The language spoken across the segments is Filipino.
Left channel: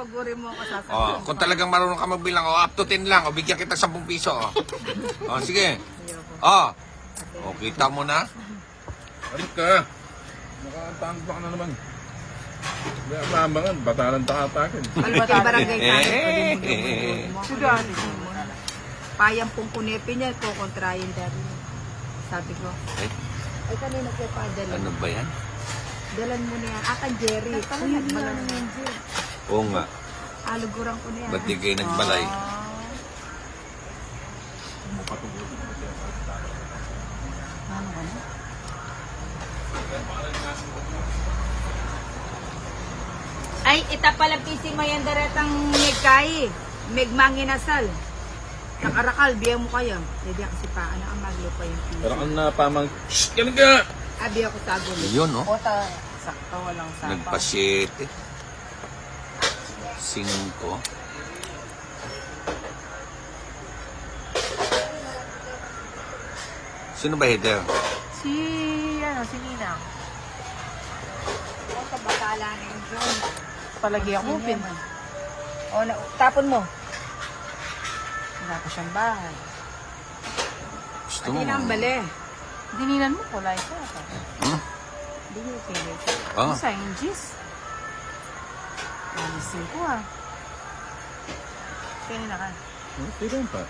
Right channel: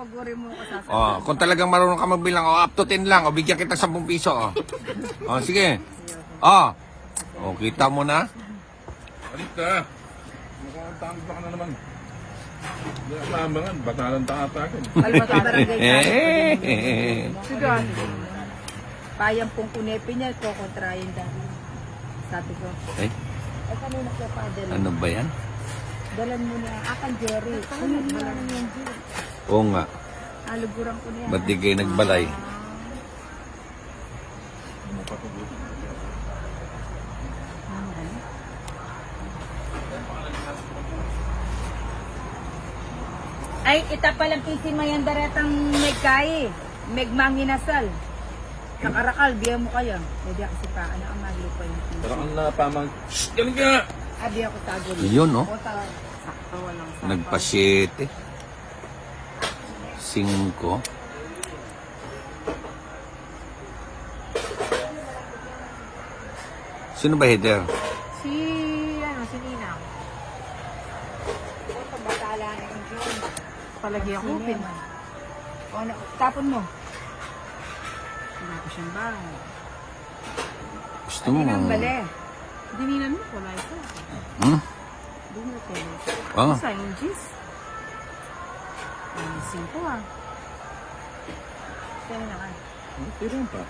Papaguri mo ako sasabihin. Oh, kung talagang marunong ka magbilang, up to 10 lang, bigyan kita 10 piso. Sige. Kita mo na. Ano ka? Mukhang pa ka na naman. Kaya naman, batahan taatakin. Almatay barangay tayo. Payang pong kunepi niya, kukontrayin dahil. Sabi ko, ay kanina ko padala. Ano ba yan? Dalan mo na yan. Akan Jerry. Uy, malamang yan, Jerry. Oo nga. Alugurang ko na yan. Ba't di kayo nagbalay? Ay, ita palang pisin mo yung daretang megkay. Megmanginasal. Nakarakal, biya mo kaya. Pwede ako si pa, ano ang maglupa yung piso. Parang ang napamang, shhh! Yan ka! Abi ako sa agil. Yun, no? Kota, sakto, walang sapaw. Nagpa-7. 5. Sino ba header? Si Nina. Kota, batala na yun. Palagi ako, pin. O, tapon mo. Wala ko siyang bahay. Gusto Hindi na ang bali. Dinilan mo, wala ito. Hindi mo pwede. Oh, Simon Gis. Alisin ko ah. Pwede na ka. Pwede pa.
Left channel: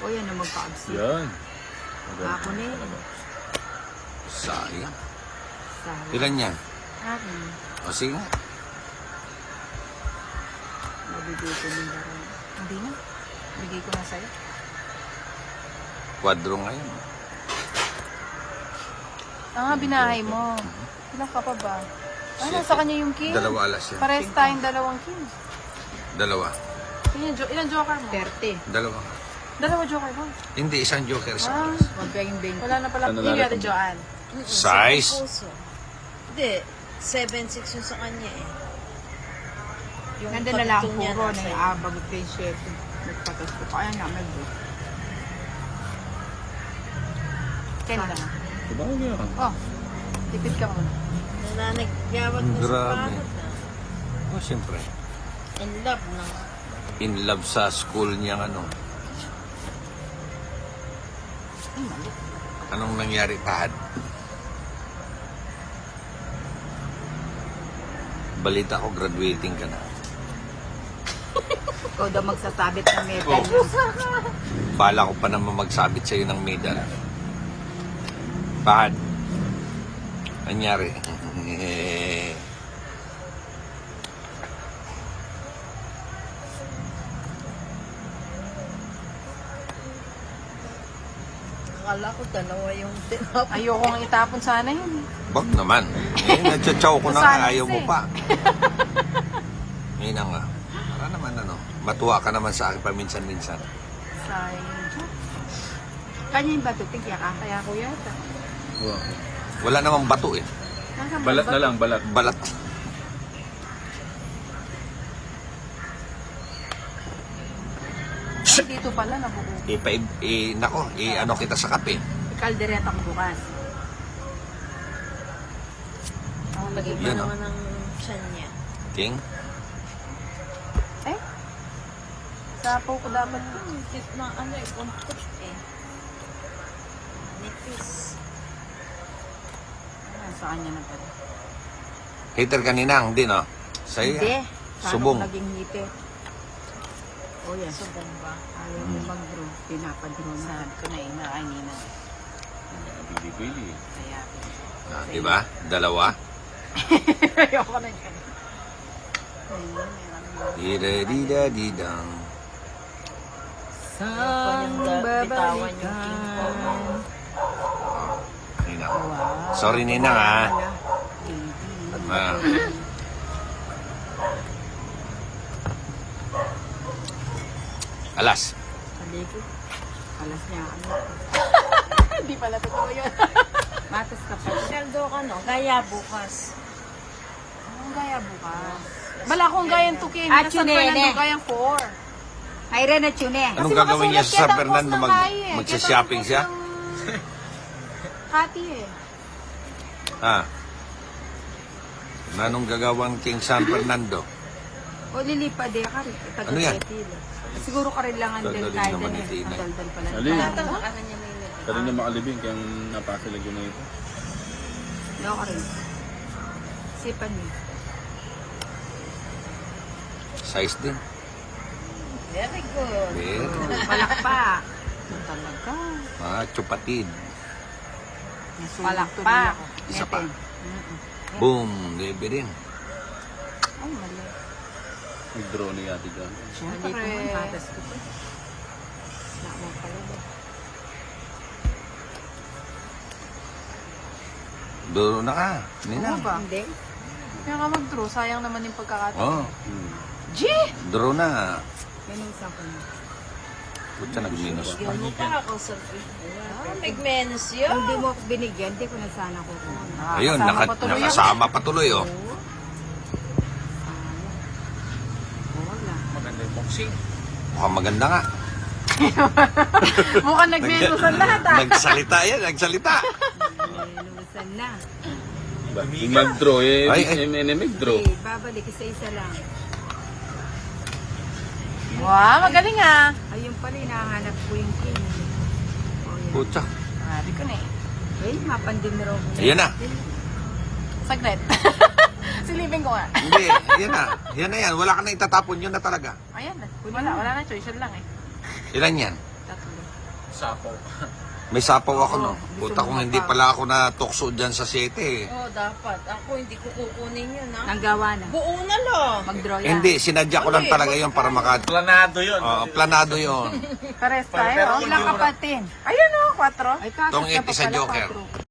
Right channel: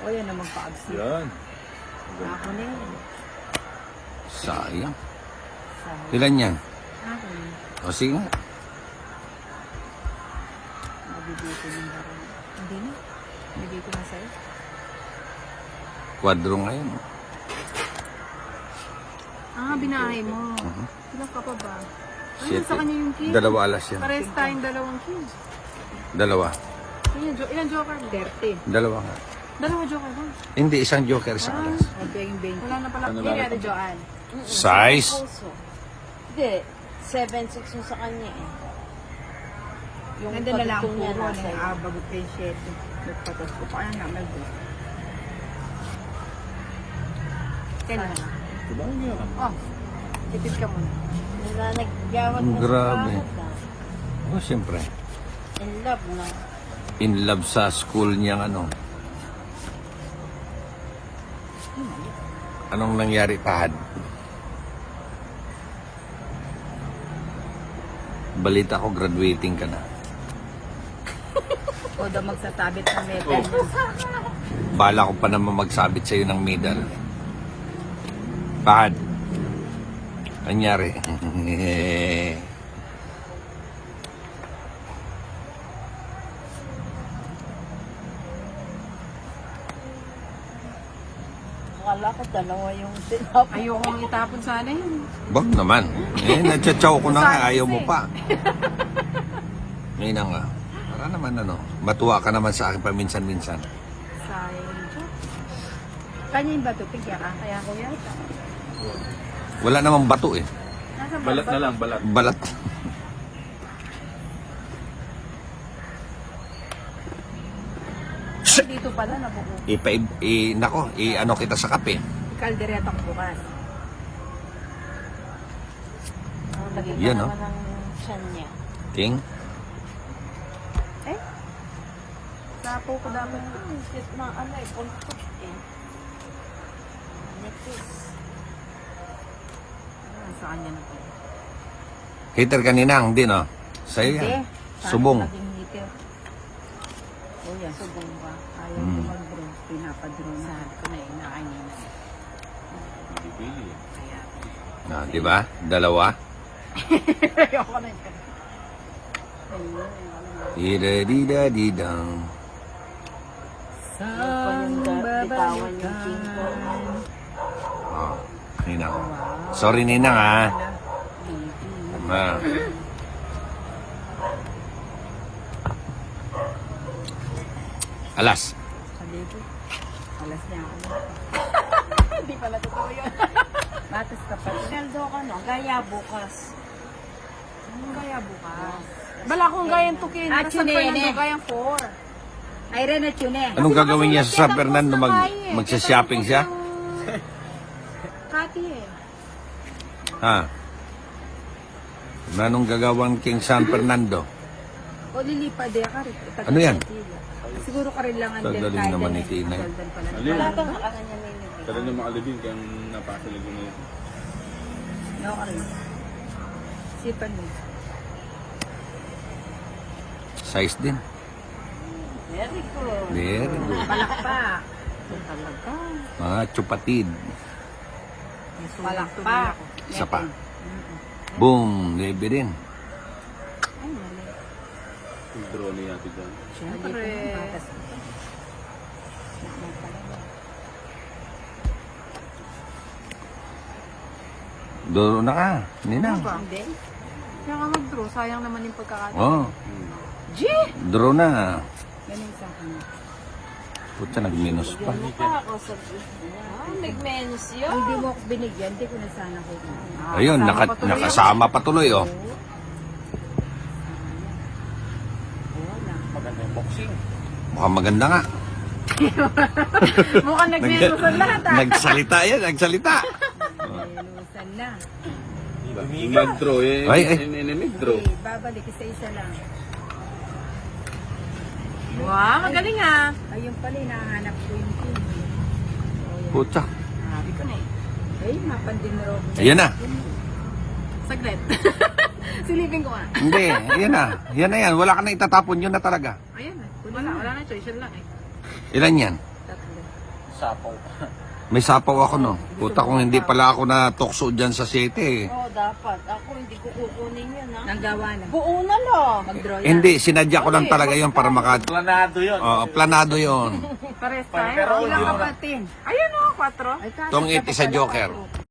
O, yan na magpa-absi. Yan. Ako na yun. sayang. Sa- Ilan niya? Okay. O sige nga. Mabibito ng baro. Hindi na. Bigay ko na sa'yo. Quadro na yun. Binahay mo. Ilan ka pa ba? Ano, sa kanya yung key? 2 alas yan. Parehas tayong dalawang key. 2. Ilan joker mo? 30. 2. Dalawa joker mo. Hindi, isang joker sa Ah, O, dahil 20. wala na pala. Ano Ilan lalaki? dyan? size. Puso. Hindi, 7'6" yung sa kanya eh. Yung Nandun na lang pagtong niya puro nasa na. iyo. Bago pa yung 7. Nagpatas ko pa. Ayun na, may date. Ten na. Diba mo yan? Oh, tipid ka mo. Nananaggawat na sa Grabe. bakit ah. Oh, siyempre. In love na. In love sa school niya, ano. Anong nangyari pa? Balita ko, graduating ka na. O, daw magsasabit ng metal. Bala ko pa naman magsabit sa'yo ng medal. Bakit? Nangyari? Akala ko dalawa yung tinap. Ayoko nga itapon sana yun. Ba't naman? Ay, nagtsatsaw ko na Nasana ayaw mo kasi. pa. Ngayon na nga. Ano naman ano? Matuwa ka naman sa paminsan-minsan. Sayang dyan. Kanya yung bato, tigyan ka. Kaya ko yata. Wala namang bato eh. Nasa Balat ba? na lang, balat. Balat. Ay, dito pala nabubuo. Ano kita sa kape. Kalderetang bukas. Ang lagi pa Yan, naman ang tiyan niya. King? Ay, sapo ko dapat. Tit na ano eh, kontot eh. Nipis. Sa kanya na pala. Peter kanina, hindi no? Sa'yo. Hindi. Subong. Naging heater. O, yan. Subong ba? Ayaw mo mag-draw. Pinapadraw na. Sa kumain na kanina. Bili-bili. Kaya, Diba? 2. ayoko na yun. Dida-dida-dida. Yung kanyang bitawan yung King Kong. Nina. Sorry, Ninang ha. Alas. Sabi ko, alas niya. Ano? Hindi pala totoo yun. Matas ka pa. Sweldo ka no? Gaya bukas. Anong gaya bukas? Bala kong gayang tukin. Ah, Nasaan pa chinene. lang gayang 4. Ay, Ren at yun eh. Anong gagawin niya sa San nakasulat Fernando? yan ang post na Magsha-shopping siya? Kati eh. Ha? Anong gagawin King San Fernando? O lilipa de ka rin. Ano yan? Siguro ka rin lang ang Tanggalin del mo kaya naman din. ang tina. Ang dalban pala. Alin? Bata ka kanya may Pwede niyo makalibing kaya napasalig ko na ito. Ayaw ka rin. Sipan mo. Size din. Very good. Meron. Palakpak. Talaga. Chupatid. Palakpak. Isa pa. Natin. Boom! Lebe din. Ano wala. Draw na yati dyan. Hindi ko hatas ko pa. Wala talaga. Draw na ka. Hindi na. Ano ba? Hindi. Nakamag-draw. Sayang naman yung pagkakataon. Oh. Draw na. Maninsan ko na. Puta nag-minus pa. Bigyan mo pa ako sa... may menos yun. Kung di mo ako binigyan, di ko na sana kukuha. Ayun, kasama pa tuloy nakasama pa tuloy oh. Maganda yung boxing. Maganda na. Mukhang nag-minusan na ito. Nagsalita yan, nagsalita. Minusan na. Yung mag-draw eh. Mag-draw. Okay, babalik isa-isa lang. Wow, magaling ah. Ayun pala, hinahanap ko yung pin. O yan. Puta. Sabi ko na eh. Eh, mapandin mo raw ko. Ayan na. Saglit. Silipin ko nga. Hindi, ayan na. Yan na yan. Wala ka na itatapon yun na talaga. Ayan na. Wala na, Churchill lang eh. Ilan yan? Tatlo. Sapaw. May sapaw ako no. Puta kung hindi pala ako natokso dyan sa city. Oo, dapat. Ako hindi ko kukunin yun, ha? Nanggawa na. Buo na lang. Mag-draw yan. Hindi, sinadya ko lang talaga yun para maka... Planado yun. planado yun. Pares tayo. Pero Ilang hindi mo na- kapatin? Ayun o, 4. Ay, kaso Tong siya 80 sa pala Joker. patro.